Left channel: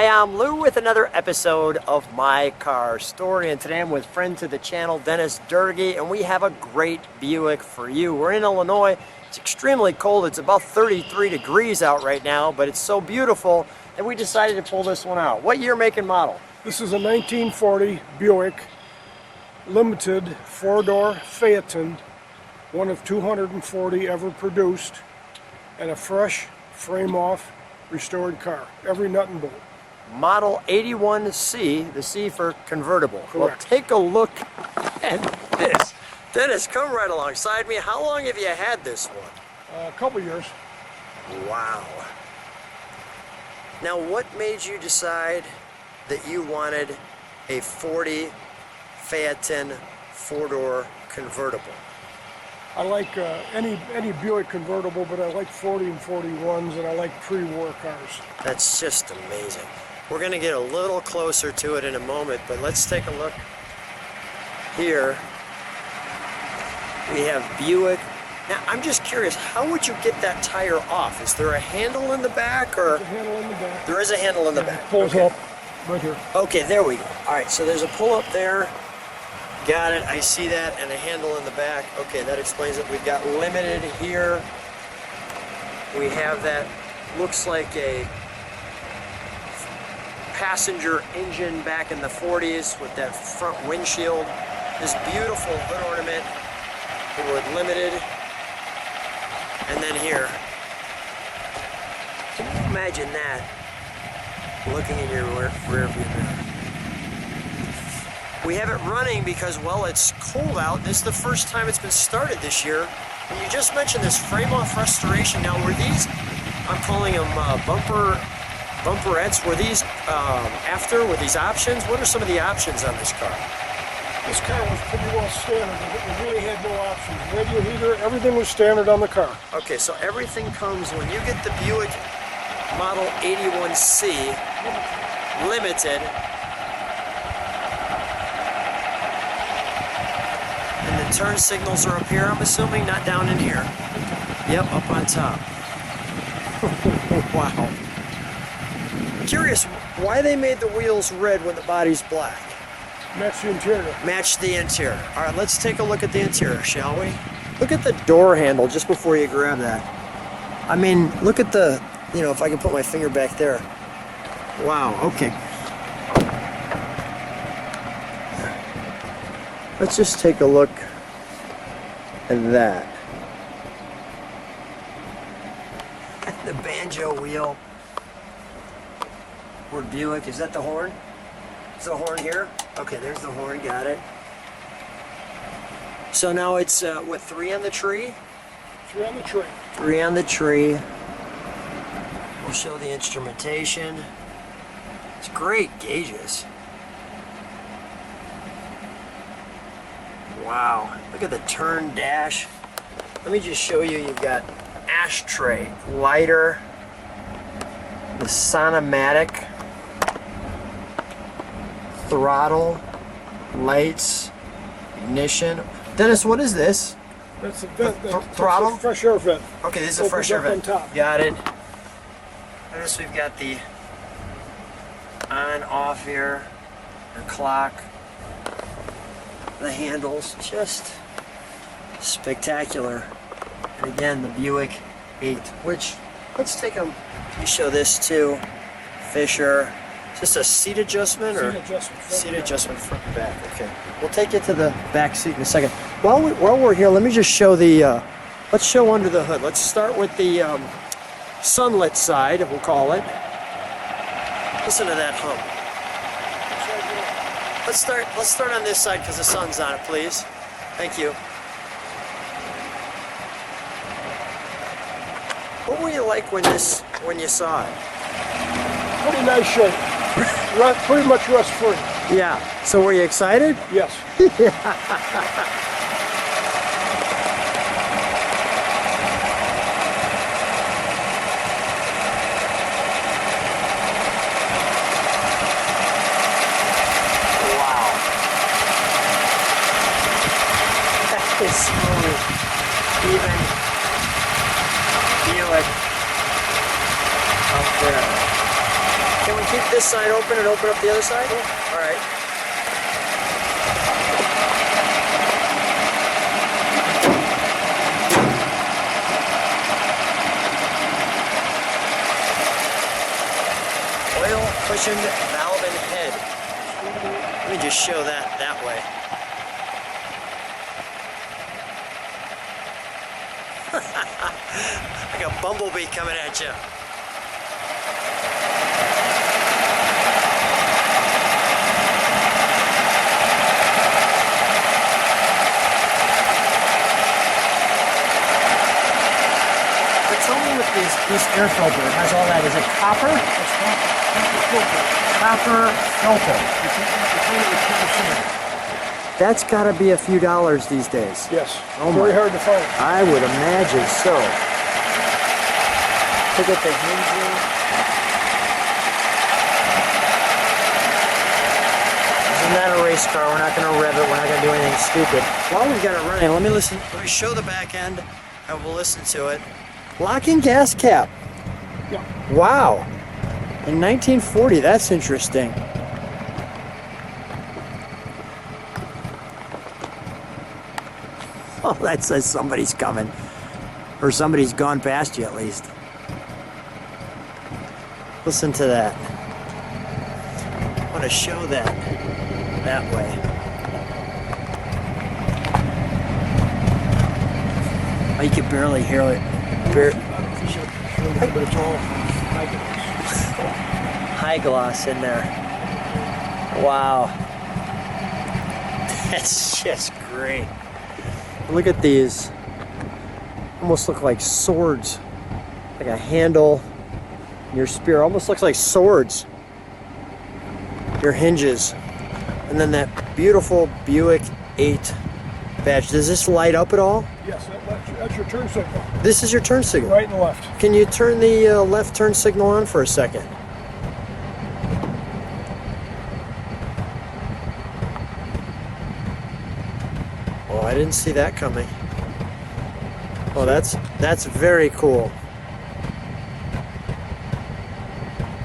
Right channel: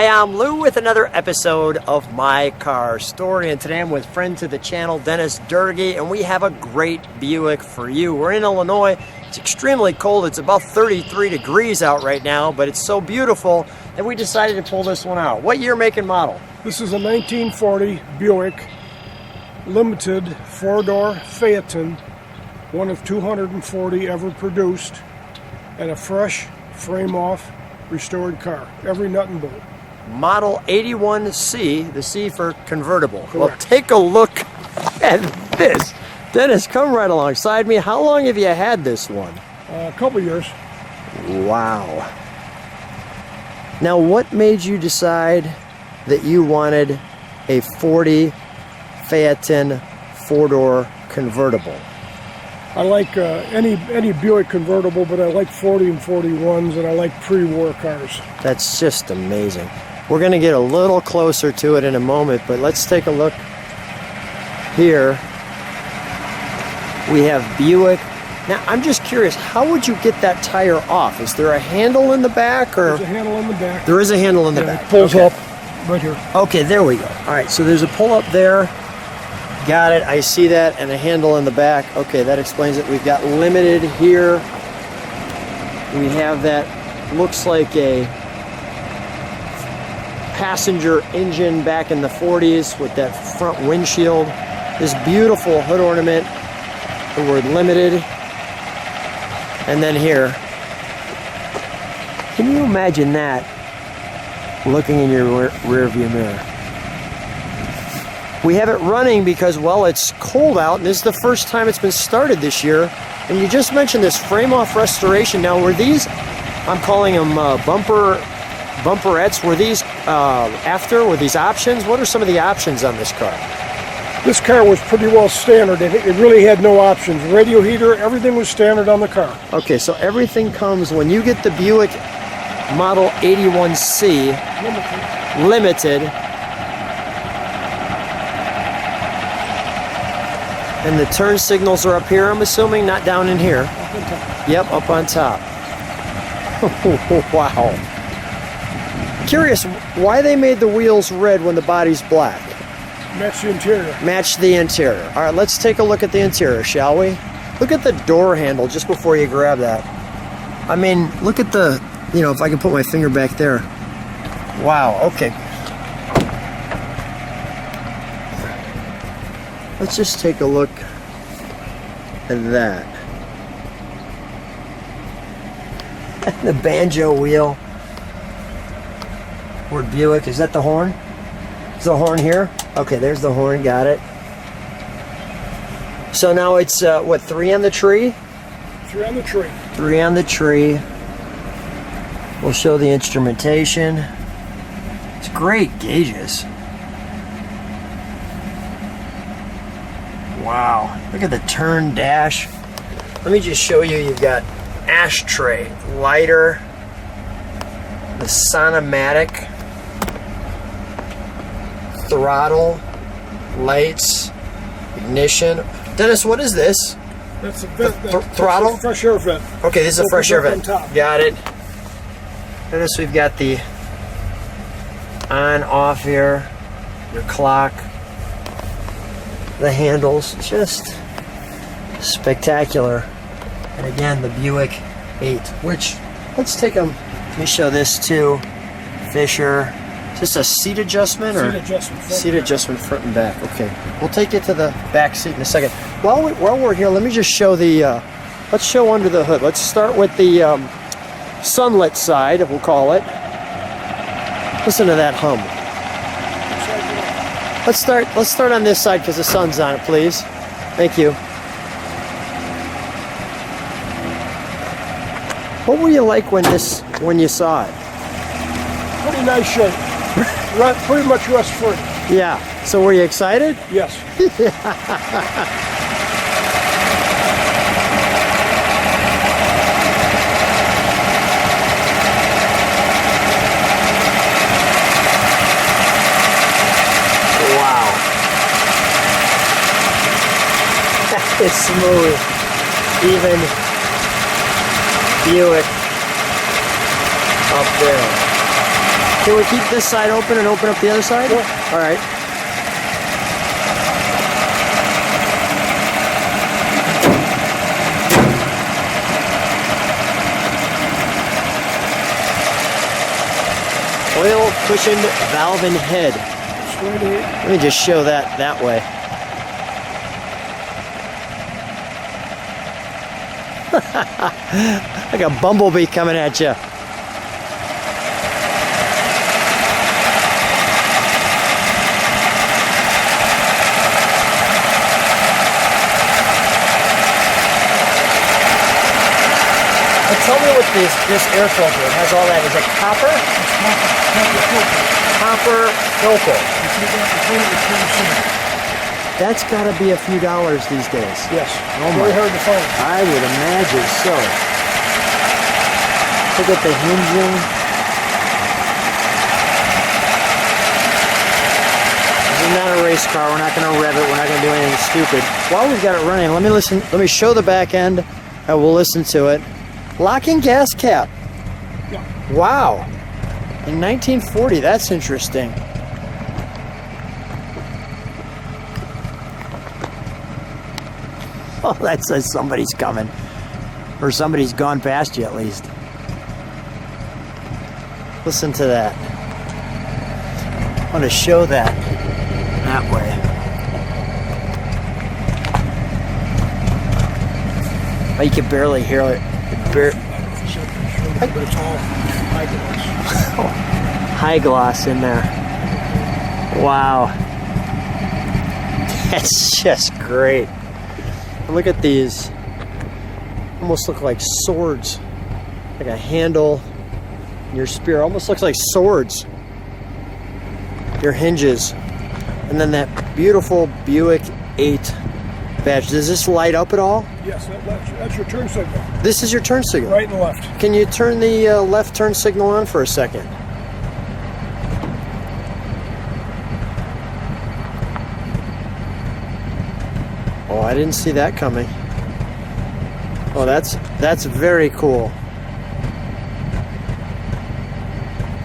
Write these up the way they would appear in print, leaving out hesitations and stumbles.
Hi, I'm Lou with another episode of My Car Story, and today I'm with friend to the channel, Dennis Doerge, and we have a great Buick for you. We're in Illinois. It's extremely cold. It's about 33 degrees out right now, but it's so beautiful that we decided to pull this one out. What year, make, and model? This is a 1940 Buick Limited 4-door Phaeton, one of 240 ever produced, and a fresh frame-off restored car, every nut and bolt. Model 81C, the C for convertible. Correct. Well, take a look at this. Dennis, come right alongside me. How long have you had this one? A couple years. Wow. Now, what made you decide that you wanted a 40 Phaeton 4-door convertible? I like any Buick convertible, but I like 40 and 41s, and I like pre-war cars. That's just amazing. We're going to get a little closer to it in a moment, but let's take a look here. We have Buick. Now, I'm just curious, how would you get that tire off? Is there a handle in the back? Or There's a handle in the back. There is a handle in the Yeah, back. it pulls Okay. up right here. Okay, there we go. All right, so there's a pull-up there. Got it, I see that, and a handle in the back. Okay, that explains it. We've got Limited here. We have that, looks like a passenger engine back in the 40s with that front windshield. This beautiful hood ornament, the word Limited. And then here, can you imagine that looking in your rear view mirror? We have it running because, well, it's cold out, and this is the first time it's been started this year. And you just mentioned this frame-off restoration. Now, were these, I'm calling them bumperettes, were these were these options? What are some of the options on this car? This car was pretty well standard. It really had no options. Radio heater, everything was standard on the car. Okay, so everything comes, when you get the Buick Model 81C Limited, and the turn signals are up here, I'm assuming, not down in here. Yep, up on top. Wow. Curious why they made the wheels red when the body's black. Match the interior. Match the interior. All right, let's take a look at the interior, shall we? Look at the door handle just before you grab that. I mean, look at the, if I can put my finger back there. Wow, okay. Let's just take a look at that. And the banjo wheel. Word Buick, is that the horn? Is the horn here? Okay, there's the horn, got it. So now it's, what, 3 on the tree? 3 on the tree. 3 on the tree. We'll show the instrumentation. It's great gauges. Wow, look at the turn dash. Let me just show you, you've got ashtray, lighter, the Sonomatic, throttle, lights, ignition. Dennis, what is this? That's a vent. Throttle? That's a fresh air vent. Okay, this is a fresh air vent. On top. Got it. Dennis, we've got the on, off here, your clock, the handles, just spectacular. And again, the Buick 8, which, let's take them, let me show this too. Fisher, is this a seat adjustment? Seat adjustment. Seat adjustment front and back, okay. We'll take you to the back seat in a second. While we're here, let me just show the, let's show under the hood. Let's start with the sunlit side, we'll call it. Listen to that hum. Let's start on this side because the sun's on it, please. Thank you. What were you like when you saw it? Pretty nice shape. Pretty much rust free. Yeah. So were you excited? Yes. It's smooth, even Buick up there. Can we keep this side open and open up the other side? Sure. All right. Oil cushioned valving head. Let me just show that way. Like a bumblebee coming at you. Tell me what this air filter has all that. Is it copper? Copper filter. That's got to be a few dollars these days. Yes. Oh Very hard to find. I would imagine so. Look at the hinging. It's not a race car. We're not going to rev it. We're not going to do anything stupid. While we've got it running, let me show the back end and we'll listen to it. Locking gas cap. Yeah. Wow. In 1940, that's interesting. Oh, that says somebody's coming. Or somebody's gone past you at least. Listen to that. I want to show that way. You can barely hear it. But it's all high gloss. High gloss in there. Wow. That's just great. Look at these. Almost look like swords. Like a handle. Your spear almost looks like swords. Your hinges. And then that beautiful Buick 8 badge. Does this light up at all? Yes, that's your turn signal. This is your turn signal. Right and left. Can you turn the left turn signal on for a second? Oh, I didn't see that coming. Oh, that's very cool.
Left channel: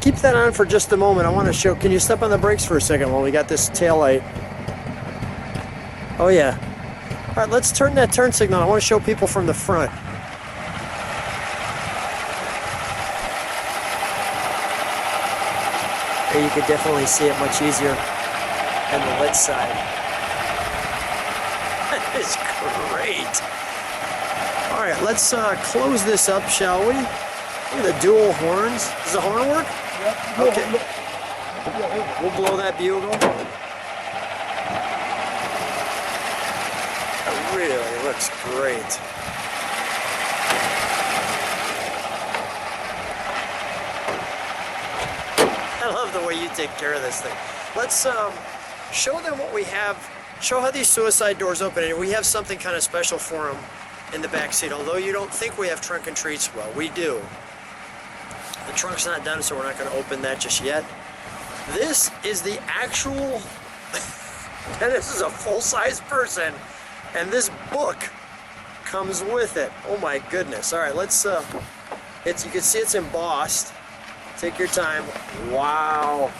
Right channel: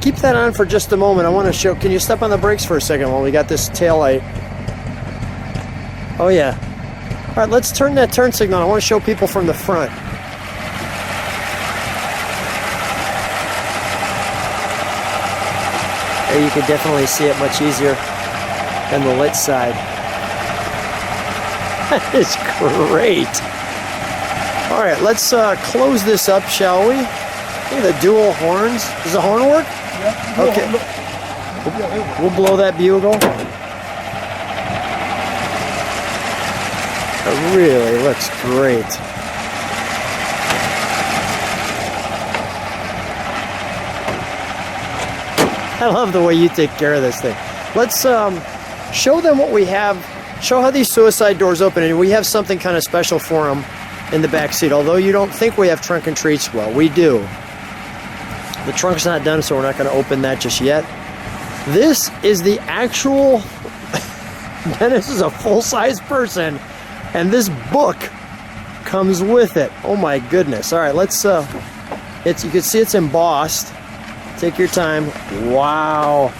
Keep that on for just a moment. I want to show. Can you step on the brakes for a second while we got this tail light? Oh yeah. All right, let's turn that turn signal. I want to show people from the front. Oh, you can definitely see it much easier on the lit side. That is great. All right, let's close this up, shall we? Oh, the dual horns. Does the horn work? Yeah. Okay. We'll blow that bugle. It really looks great. I love the way you take care of this thing. Let's show them what we have. Show how these suicide doors open, and we have something kind of special for them in the back seat. Although you don't think we have trunk and treats, well, we do. The trunk's not done, so we're not going to open that just yet. This is the actual. This is a full-size person, and this book comes with it. Oh my goodness! All right, let's. You can see it's embossed. Take your time. Wow.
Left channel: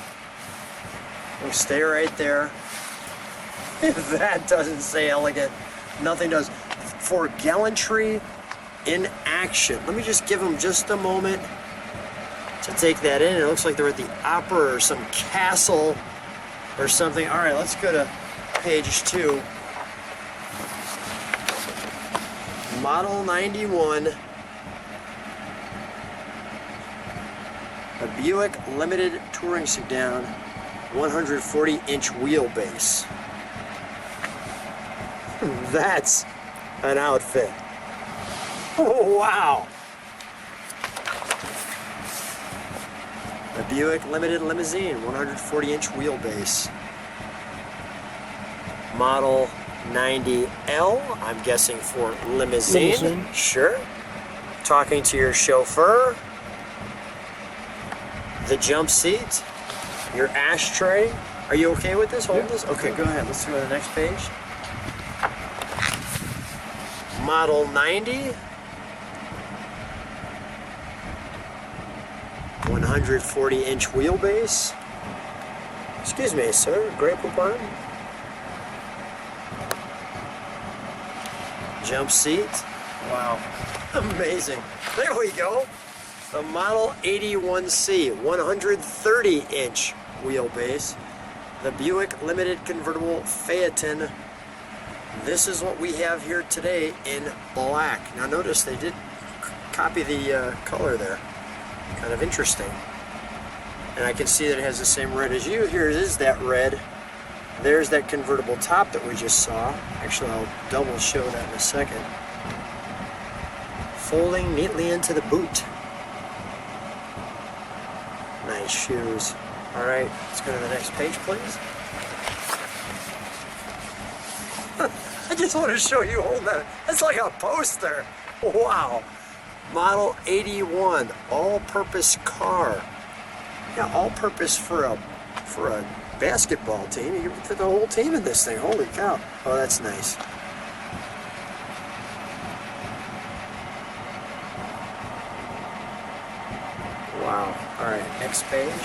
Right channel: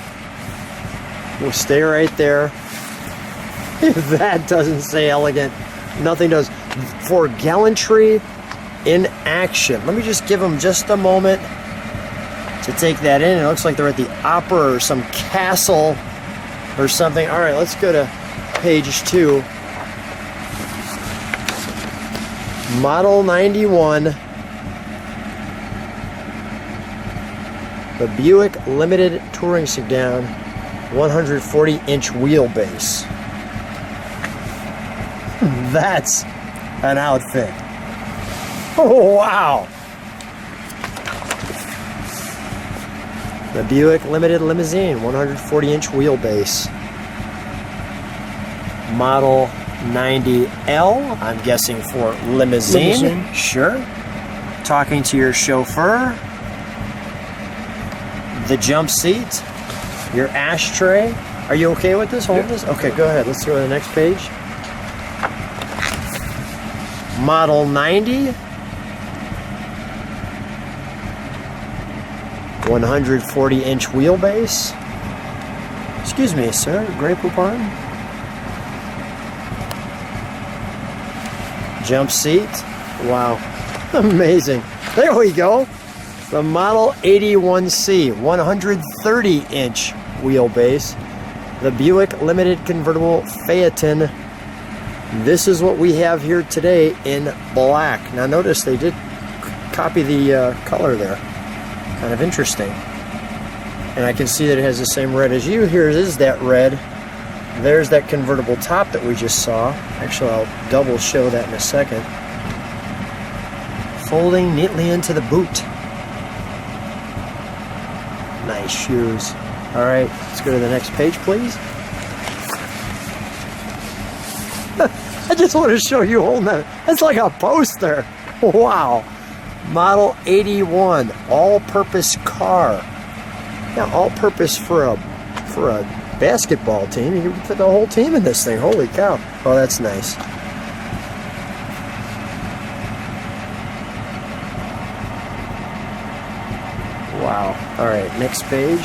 We'll stay right there. That doesn't say elegant. Nothing does. For gallantry in action. Let me just give them just a moment to take that in. It looks like they're at the opera or some castle or something. All right, let's go to page 2. Model 91. The Buick Limited Touring Sedan, 140-inch wheelbase. That's an outfit. Oh, wow. The Buick Limited Limousine, 140-inch wheelbase. Model 90L, I'm guessing for limousine. Sure. Talking to your chauffeur. The jump seat. Your ashtray. Are you okay with this? Hold this? Okay, go ahead. Let's go to the next page. Model 90. 140-inch wheelbase. Excuse me, sir. Great pardon. Jump seat. Wow. Amazing. There we go. The Model 81C, 130-inch wheelbase. The Buick Limited Convertible Phaeton. This is what we have here today in black. Now notice they did copy the color there. Kind of interesting. And I can see that it has the same red as you. Here is that red. There's that convertible top that we just saw. Actually, I'll double show that in a second. Folding neatly into the boot. Nice shoes. All right, let's go to the next page, please. I just want to show you holding that. That's like a poster. Wow. Model 81, all-purpose car. Yeah, all-purpose for a basketball team. You can put the whole team in this thing. Holy cow. Oh, that's nice. Wow. All right, next page.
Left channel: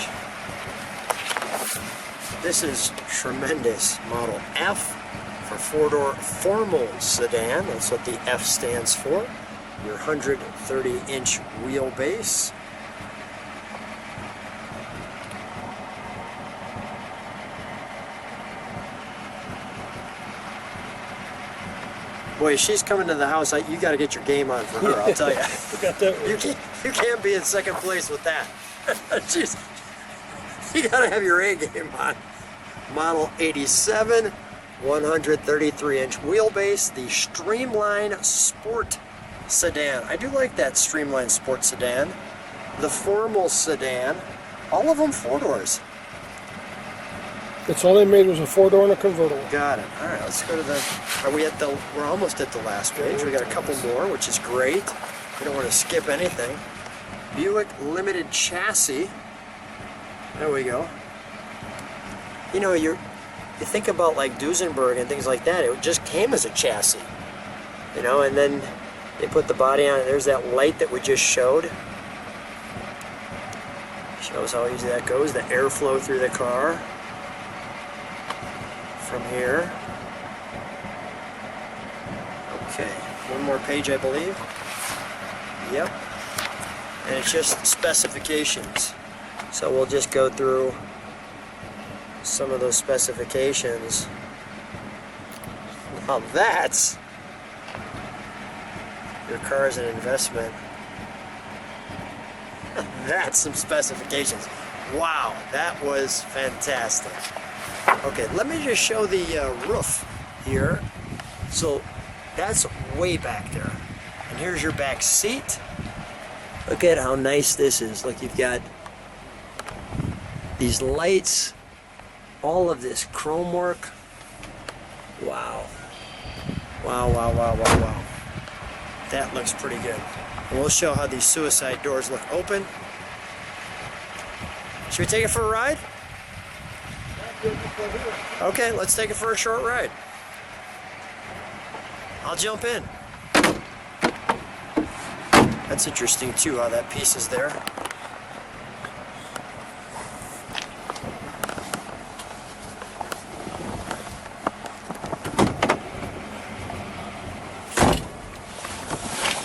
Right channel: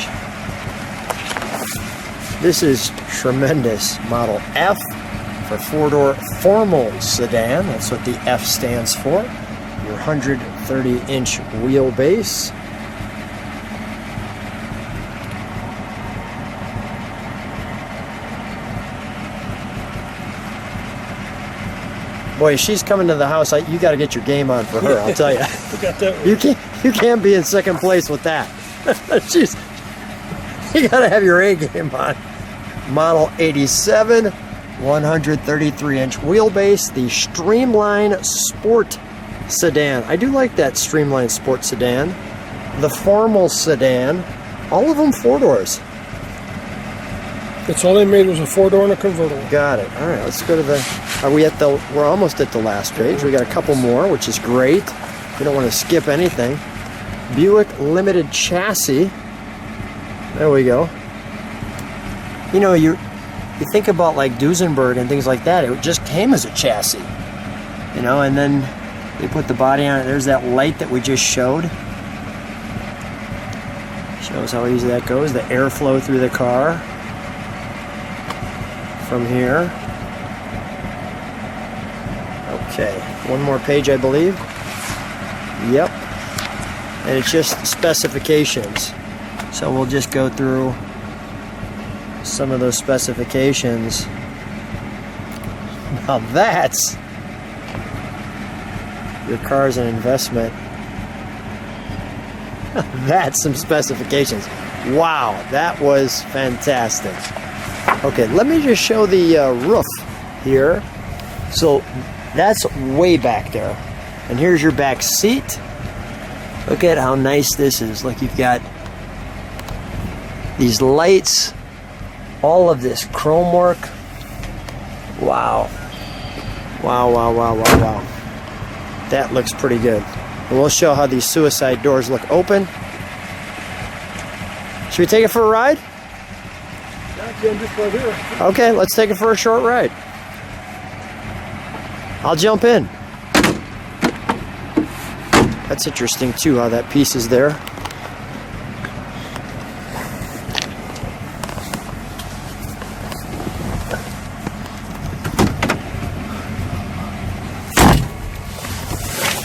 This is tremendous. Model F for four-door formal sedan. That's what the F stands for. 130-inch wheelbase. Boy, she's coming to the house. You got to get your game on for her. I'll tell you. You can't be in second place with that. You got to have your A game on. Model 87, 133-inch wheelbase. The Streamline Sport sedan. I do like that Streamline Sport sedan. The formal sedan. All of them four doors. That's all they made was a four-door and a convertible. Got it. All right, let's go to the... we're almost at the last page. We got a couple more, which is great. We don't want to skip anything. Buick Limited chassis. There we go. You know, you think about like Duesenberg and things like that. It just came as a chassis. You know, and then they put the body on it. There's that light that we just showed. Shows how easy that goes. The airflow through the car. From here. Okay, one more page, I believe. Yep. And it's just specifications. So we'll just go through some of those specifications. Now that's... Your car's an investment. That's some specifications. Wow, that was fantastic. Okay, let me just show the roof here. So that's way back there. And here's your back seat. Look at how nice this is. Like you've got these lights, all of this chrome work. Wow. Wow, wow, wow, wow, wow. That looks pretty good. And we'll show how these suicide doors look open. Should we take it for a ride? Okay, let's take it for a short ride. I'll jump in. That's interesting too, how that piece is there.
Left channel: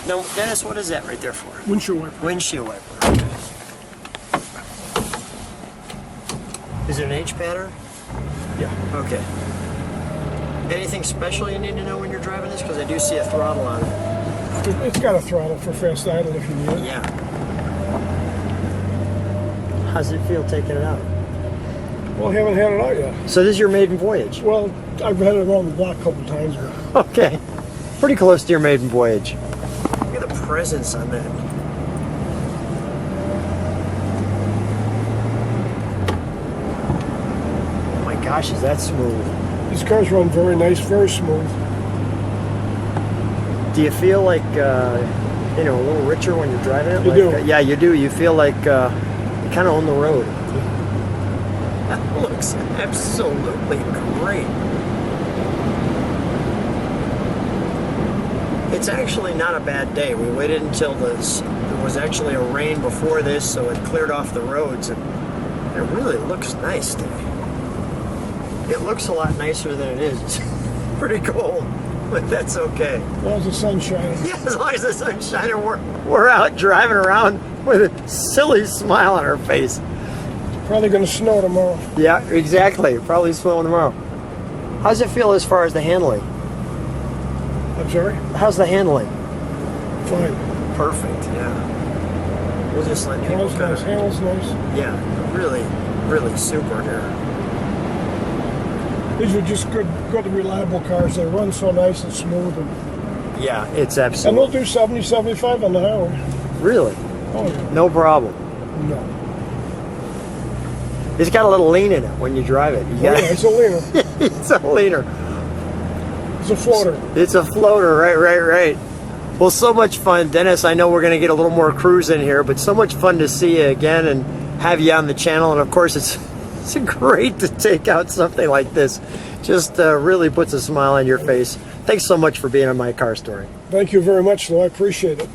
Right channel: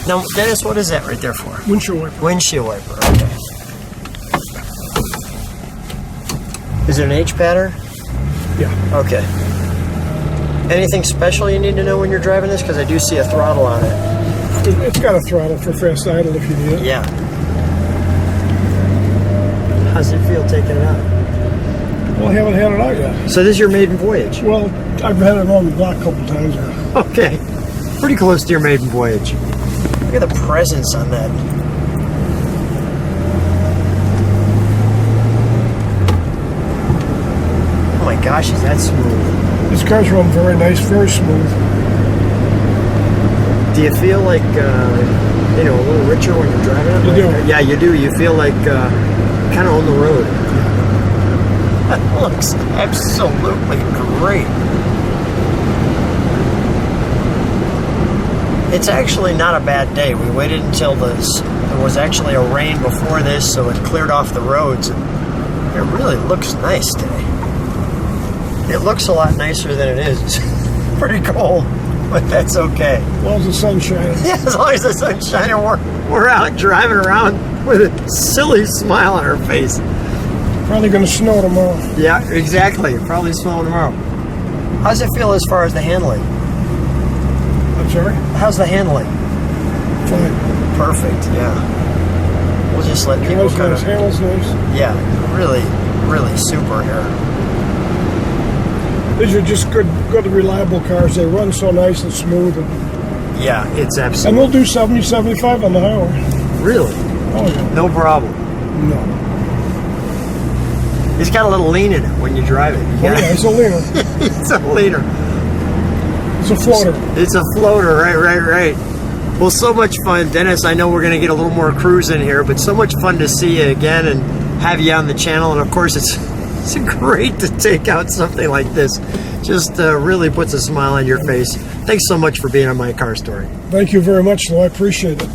Now, Dennis, what is that right there for? Windshield wiper. Windshield wiper, okay. Is it an H pattern? Yeah. Okay. Anything special you need to know when you're driving this? Because I do see a throttle on it. It's got a throttle for fast idle if you need it. Yeah. How's it feel taking it out? Well, I haven't had it out yet. So this is your maiden voyage? Well, I've had it on the block a couple times now. Okay. Pretty close to your maiden voyage. Look at the presence on that. Oh my gosh, is that smooth? These cars run very nice, very smooth. Do you feel like, a little richer when you're driving it? You do. Yeah, you do. You feel like kind of on the road. That looks absolutely great. It's actually not a bad day. We waited until there was actually a rain before this, so it cleared off the roads, and it really looks nice today. It looks a lot nicer than it is. It's pretty cold, but that's okay. As long as the sun's shining. Yeah, as long as the sun's shining, we're out driving around with a silly smile on our face. Probably going to snow tomorrow. Yeah, exactly. Probably snowing tomorrow. How's it feel as far as the handling? I'm sorry? How's the handling? Fine. Perfect, yeah. We'll just let people Handle's kind nice. of... Handle's nice. Yeah, really, really super here. These are just good, reliable cars. They run so nice and smooth. And Yeah, it's they'll absolutely... do 70, 75 on the highway. Really? Oh, yeah. No problem. No. It's got a little lean in it when you drive it. Oh, yeah, it's a leaner. It's a leaner. It's a floater. It's a floater, right. Well, so much fun, Dennis. I know we're going to get a little more cruise in here, but so much fun to see you again and have you on the channel. And of course, it's great to take out something like this. Just really puts a smile on your face. Thanks so much for being on My Car Story. Thank you very much, though. I appreciate it.